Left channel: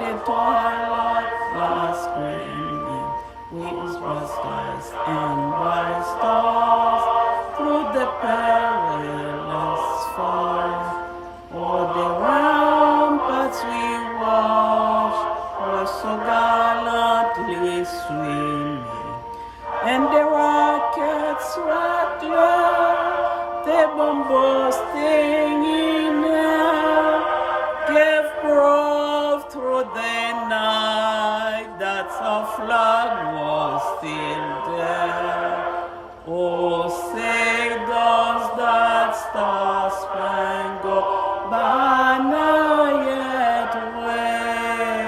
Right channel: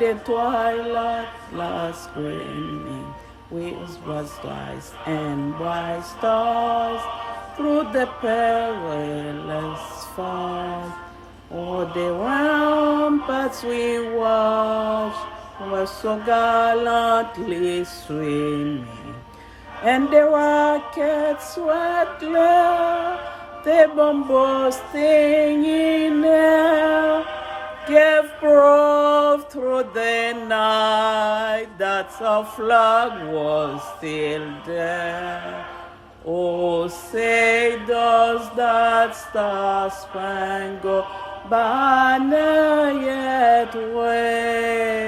the twilight last gleaming, with bright skies and bright stars, through the perilous fire. Oh, the ramparts we watched were so gallantly swimming, and the rockets were clear, the bomb bursting in air, gave proof through the night that our flag was still there. Oh, say does that star-spangled banner yet wave?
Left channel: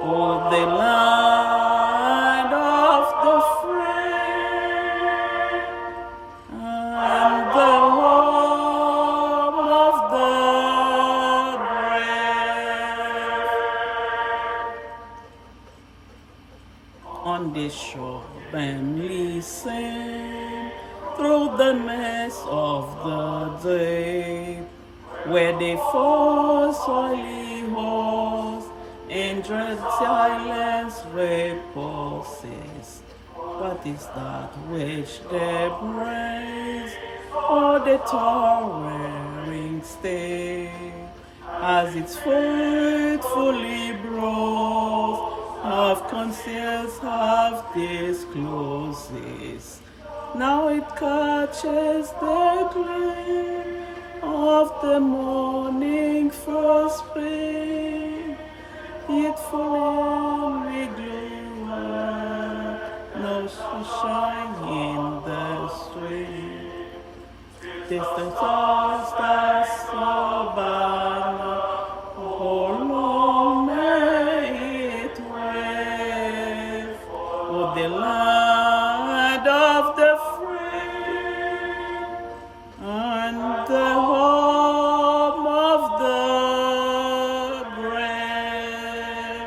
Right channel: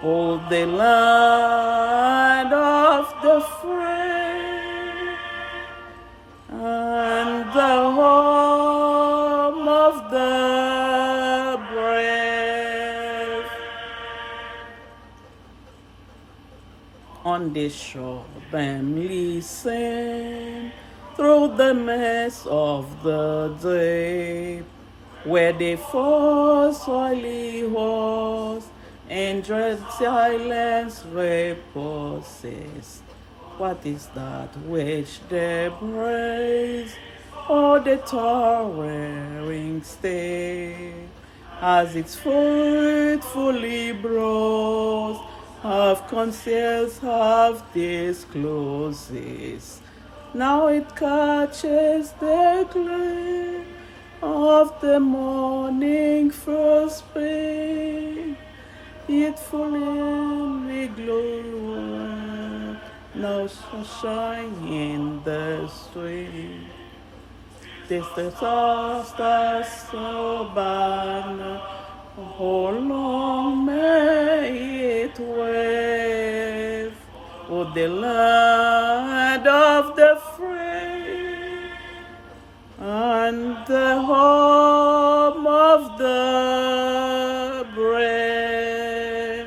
Oh, the land of the free and the home of the brave. On the shore, them listen through the mist of the day, where they fall oily horse and dread silence reposes. What is that which they praise? Oh, the towering stay, as its faithfully brought, half conceals, half discloses. Now it catches the gleam of the morning first spring. It fully glows, no sunshine in the street. Tis the stars so banner, oh long may it wave. Oh, the land of the free and the home of the brave.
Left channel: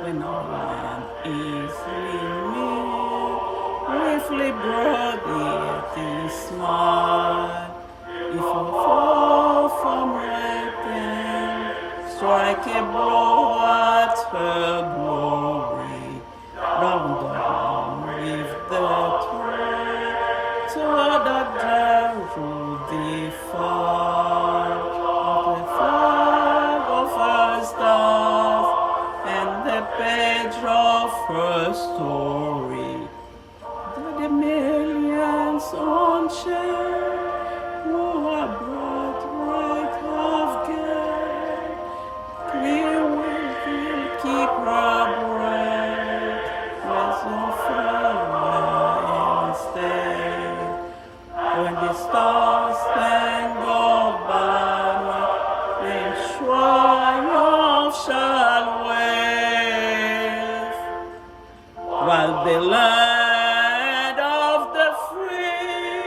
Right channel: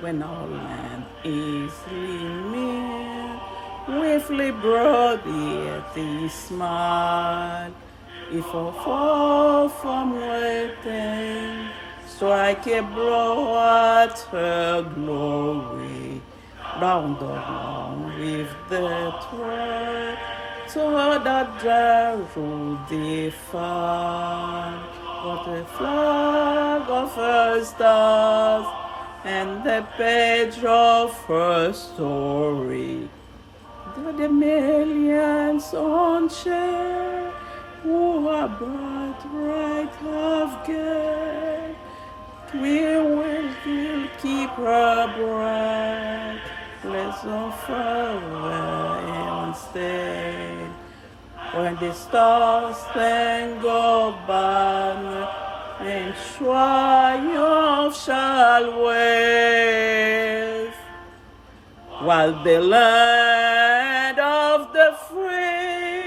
When our land is near, briefly broad the smile. If I fall from waiting, strike a blow at her glory. Round down with the thread, to that dreadful defile of the flag of her stars and the page of her story. The millions on share who are birthright have gained, we will still keep her breath, let's offer and stay. When the stars spangled banner in triumph shall wave, while the land of the free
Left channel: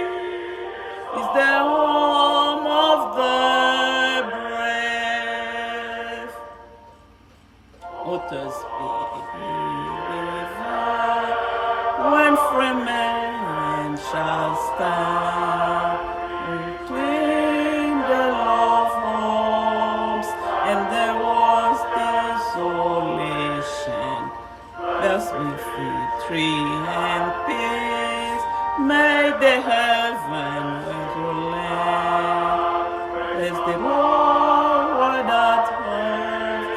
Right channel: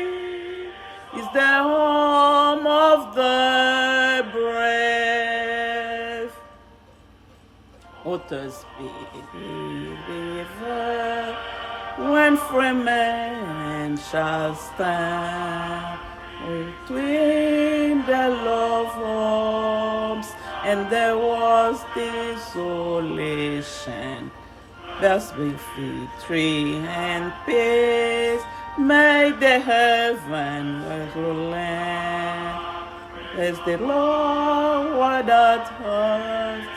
is the home of the brave. Others be river when free men shall stand between the love homes and there was desolation. Thus with victory and peace may the heaven land. As the Lord at earth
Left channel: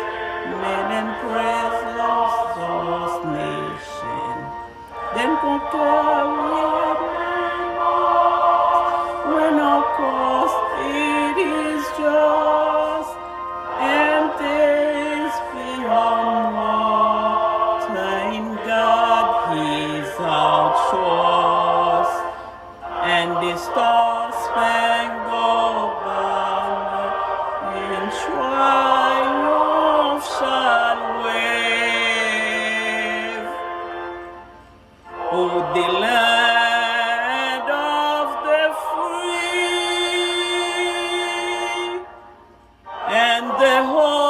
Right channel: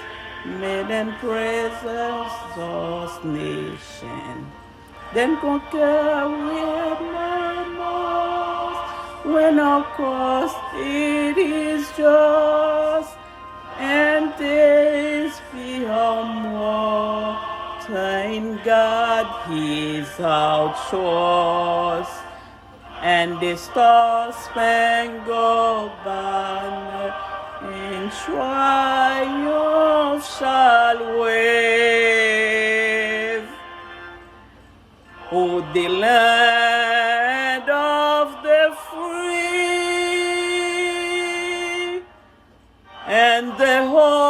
made and praises those nations. Then conquer with manners when of course it is just, and this beyond war. Thank God He's outsourced, and the star-spangled banner in triumph shall wave. Oh, the land of the free and the home